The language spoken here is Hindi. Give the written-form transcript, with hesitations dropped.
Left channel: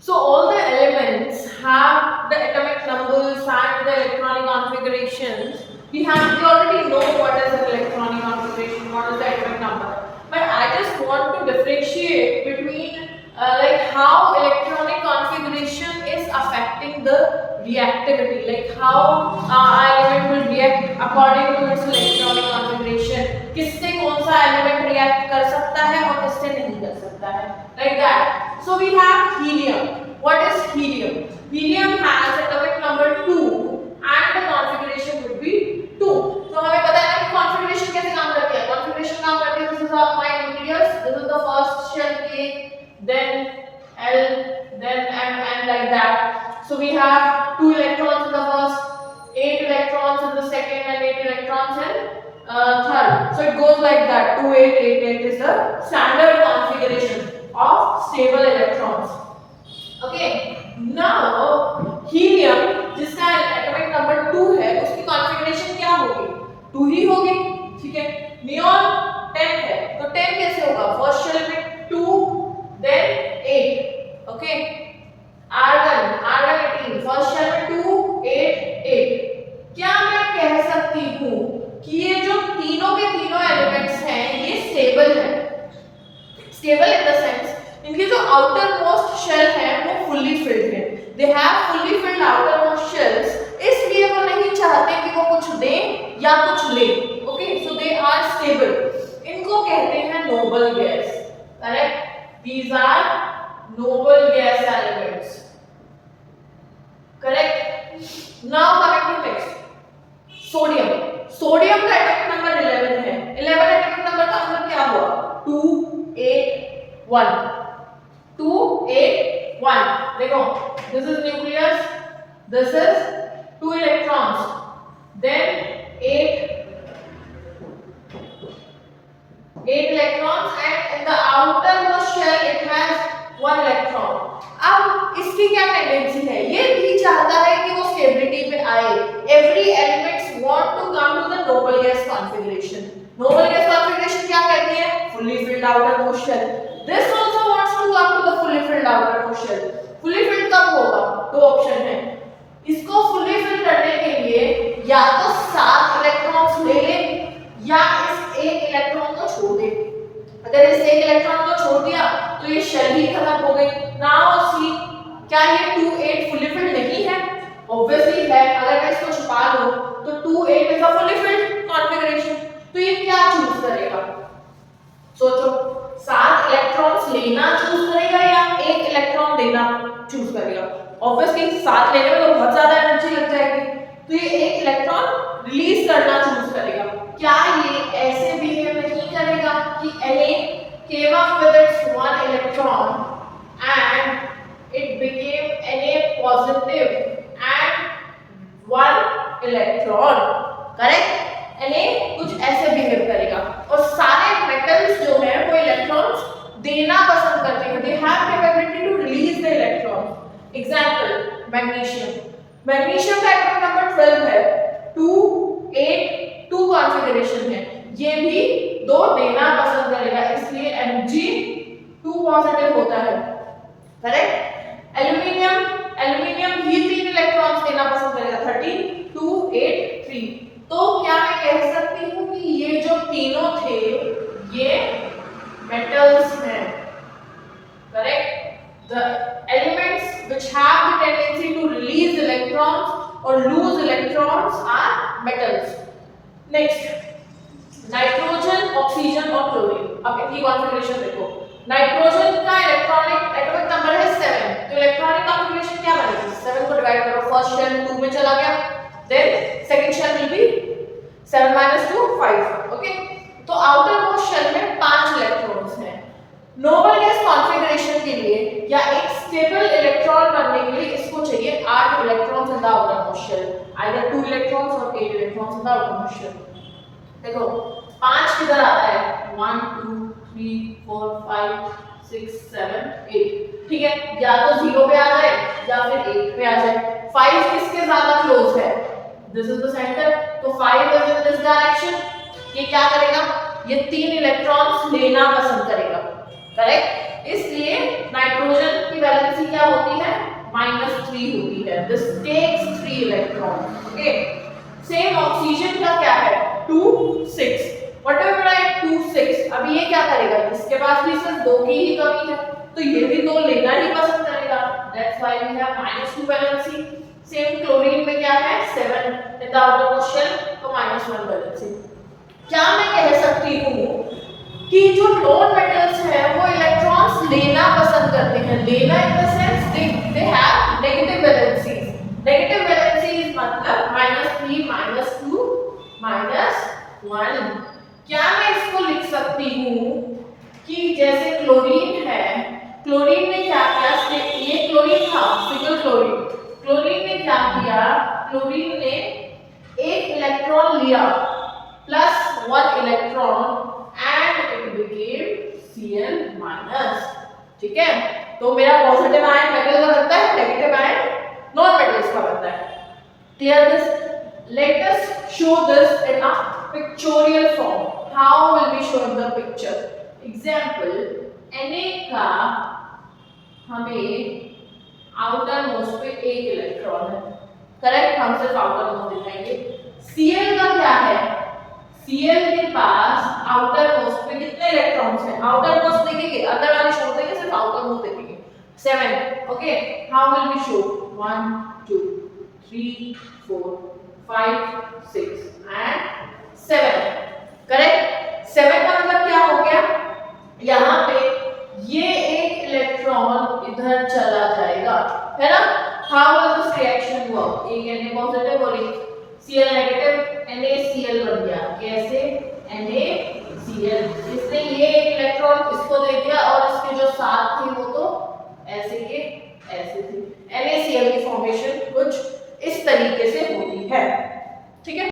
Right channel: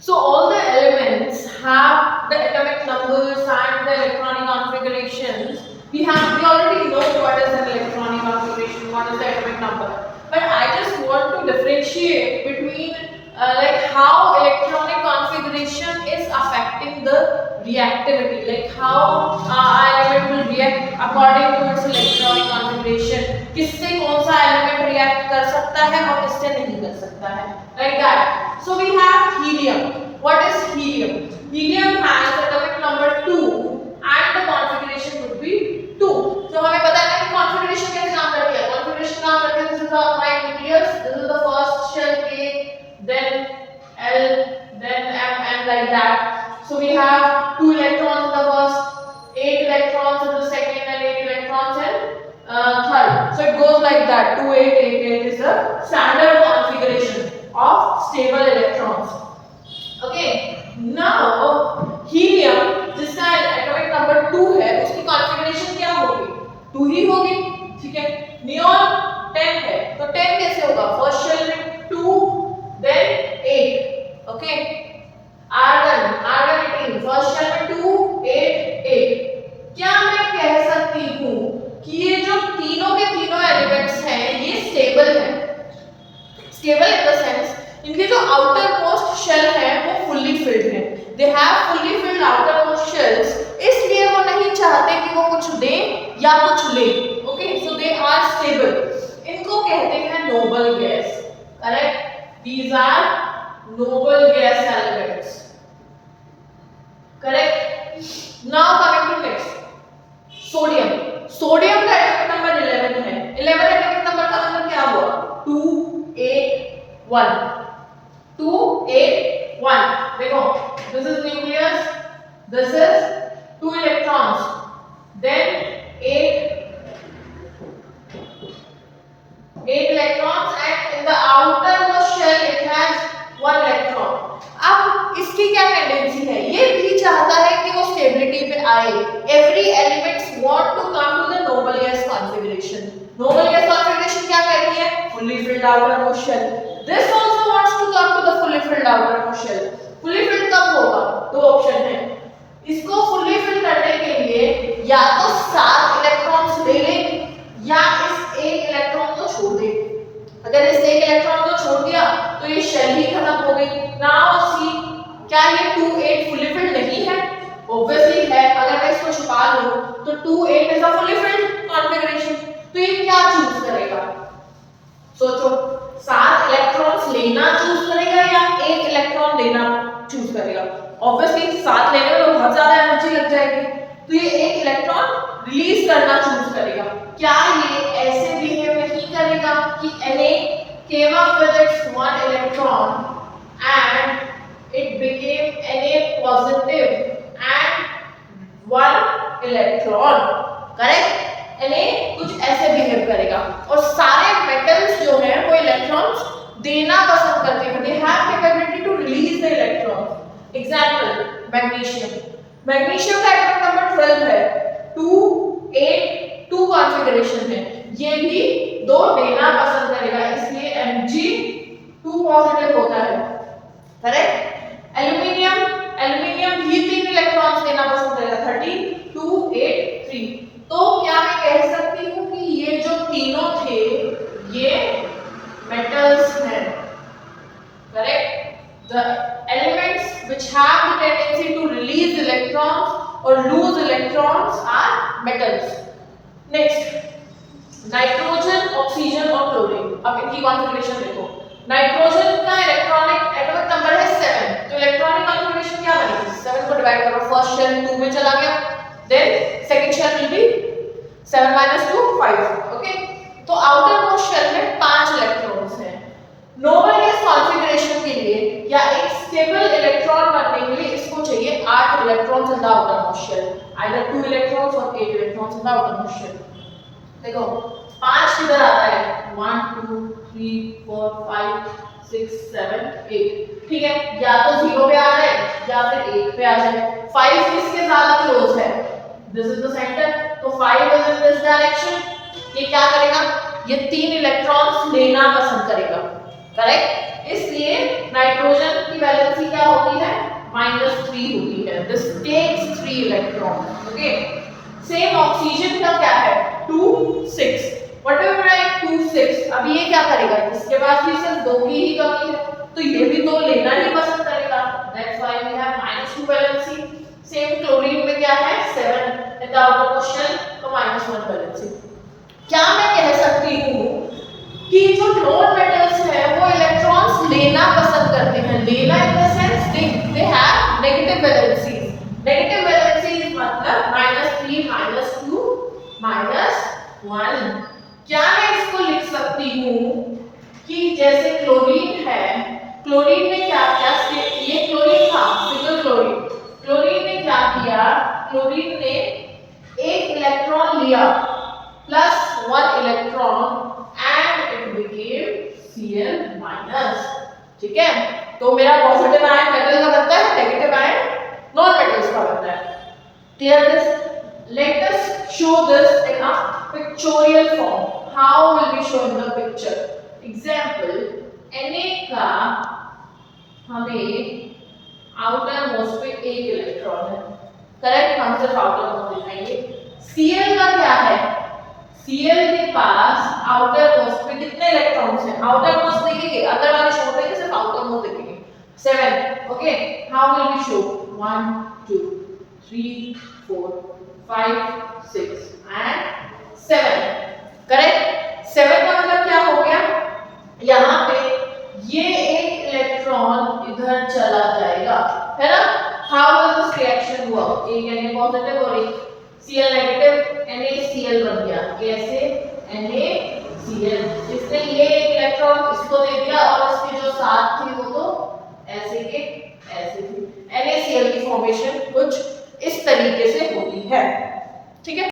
So all the elements have the atomic numbers and the electronic configurations. We already know what is an electronic configuration, what is the atomic number. But I just want to differentiate between like how electronic configuration is affecting the reactivity, like how element will react according to its electronic configuration. किससे कौन सा element react कर सकता है और किससे नहीं कर सकता है, like that. So we have helium. What is helium? Helium has atomic number 2 and the configuration would be 2. So हमें पता है ना कि configuration कैसे काम करती है. Configuration काम करती है. This is my nucleus. This is the first shell K, then L, then M, and like that. So we have 2 electrons in the first, 8 electrons in the second, and 8 electrons in third. So it goes like that. 2, 8, 8, 8 is the standard configuration of stable electrons. Okay, now helium जिसका एटॉमिक नंबर 2 है उसकी कॉन्फ़िगरेशन क्या होगी? 2 ही होगी, ठीक है. नियॉन 10 है तो 10 कैसे होगा? फर्स्ट शेल में 2 then 8. Okay, argon 18 first shell में 2 8 8. क्या मैं कह सकती हूँ कि ये जो तीनों के तीनों एलिमेंट्स हैं ये स्टेबल है? स्टेबल इन द सेंस इनके जो आउटर मोस्ट शेल है वो फुल्ली फिल्ड है. They have fully filled outer most shells, इसलिए वो नहीं चाहते कि वो कुछ दें या कुछ ले. Okay, so they are stable. इनको कहते हैं noble gas. Correct, these are noble gas elements. Correct. Now coming to next, sodium. Sodium का एटॉमिक नंबर 11 है. 11 एटॉमिक नंबर का मतलब क्या हुआ? 2 8 1. 2 8 1. देखो, this is nucleus, this is 2 electrons, then 8 electrons, and in the outermost shell it has 1 electron. अब इसकी क्या टेंडेंसी है? ये भी चाहता है कि वो स्टेबिलिटी पे आए. Every elements want to come to the noble gas configuration. Noble gas configuration क्या कहती है? Fully filled outermost shell. This also wants to come to the fully filled outermost shell. Fully filled कब होगा? दो ऑप्शन है. इसको fully fill करने के लिए या तो 7 इलेक्ट्रॉन्स ले ले या इस एक इलेक्ट्रॉन को छोड़ दे. अगर इस एक इलेक्ट्रॉन को छोड़ दिया तो ये शेल ही खत्म हो गई. नाउ सी, क्या ये 2 8 fully filled नहीं है? ऑब्वियसली है. अगर मैं इसको छुपा लूं तो 2 8 is a fully filled configuration. तो ये क्या चूज करेगा? सोचो, 7 इलेक्ट्रॉन्स लेना चूज करेगा या एक इलेक्ट्रॉन देना चूज करेगा? ऑब्वियसली 7 लेने में तो बहुत ज्यादा एनर्जी लग जाएगी, तो ये एक इलेक्ट्रॉन रिलीज करना चूज करेगा. क्या ये ऐसे बिहेव नहीं करेगा कि Na came up with its 1 electron and it became Na positive and 1 electron. Correct? Na कुछ ऐसे बिहेव करेगा. और सारे मेटल्स जो हैं वो इलेक्ट्रॉन्स देना पसंद करते हैं. They have capability to release the electron. Example, magnesium. Magnesium का एटॉमिक नंबर 12 है. 2 8 2 कॉन्फ़िगरेशन है. ये भी 2 देना पसंद करेगा, इसलिए Mg2 पॉजिटिव होता है. करेक्ट. एल्युमिनियम भी 3 इलेक्ट्रॉन्स देना पसंद करेगा. 13 2 8 3. तो क्या मैं कह सकती हूँ कि ये जो तीनों थे ये मेटल्स हैं. Correct. The elements which have the tendency to release electrons or lose electrons are metals. Next, nitrogen, oxygen और क्लोरीन. अब इनकी कॉन्फ़िगरेशन देखो. नाइट्रोजन का इलेक्ट्रॉनिक एटॉमिक नंबर है 7. तो इलेक्ट्रॉनिक कॉन्फ़िगरेशन क्या बनेगी? 7 को डिवाइड करो, फर्स्ट शेल 2 में चला गया, then second shell will be 7 - 2 5. Okay, तो आउटर मोस्ट शेल में 5 इलेक्ट्रॉन्स हैं. नोबल गैस कॉन्फ़िगरेशन के लिए या एक स्टेबल इलेक्ट्रॉन बनने के लिए इसको चाहिए 8 electrons in the outer most shell, either 2 electrons और 8 electrons in the outer most shell. देखो, 5 किधर आता है? 1 2 3 4 5 6 7 8. ठीक है, या तो 0 पे आ जाए या फिर 1 पे आ जाए. 5 किसके ज्यादा क्लोज है? This is the centre. तो 5 इज इन दिस डायरेक्शन. ये क्या करेगा? ये 3 इलेक्ट्रॉन्स लेना पसंद करेगा. करेक्ट. इसलिए नाइट्रोजन की वैलेंसी क्या होती -3 होती है. This takes 3 electrons. Okay. Same oxygen का क्या है 2 6. व्हाटएवर है 2 6. अभी ये क्या करेगा, इसके पास भी सिर्फ 2 की ही कमी है तो ये भी 2 लेना ही पसंद करेगा. That's why we have -2 valency. Same chlorine में क्या है 7 in the outer most shell तो -1 वैलेंसी. क्या मैं कह सकती हूँ कि जो नॉन मेटल्स हैं वो इलेक्ट्रॉन्स लेना पसंद करते हैं. लेना in the sense they have negative valency. Negative valency मतलब -3 -2 -1. क्या मैं इसको लिख सकती हूँ कि जैसे क्लोरीन है, क्लोरीन ने क्या किया, ये क्लोरीन था सिंगल क्लोरीन. क्लोरीन ने क्या किया, क्लोरीन ने एक इलेक्ट्रॉन लिया +1 electron and it became Cl-. ठीक है, तो मेरा पॉजिटिव आयन मेटल का बनता है, नेगेटिव आयन नॉन मेटल्स का बनता है. Clear this? Let us show this in a pictorial form. How will we show in the picture? Example, Na का हमें आउटर मोस्ट पे एक इलेक्ट्रॉन है. करेक्ट, हम सिर्फ आउटर मोस्ट दिखाएंगे. Cl का क्या है, Cl के पास आउटर मोस्ट पे कितने इलेक्ट्रॉन्स हैं, आउटर मोस्ट देखेंगे, अंदर वाले छोड़ देंगे, सिर्फ आउटर मोस्ट देखेंगे. 7. Okay, how will we show 1 2 3 4 5 6 and 7. Correct. 7 का मतलब क्या हो गया, यहाँ पे ये एक इलेक्ट्रॉन इधर चला जाएगा, है ना. How will this reaction work, एक Na पॉजिटिव और एक Cl नेगेटिव, NaCl बन गया. कैसे, NaCl. इसने ये एक इलेक्ट्रॉन इसको दे दिया और इसके जो साथ थे वो तो ऐसे के ऐसे थे. NaCl की फॉर्मेशन कुछ इस तरीके से होती है. ठीक है.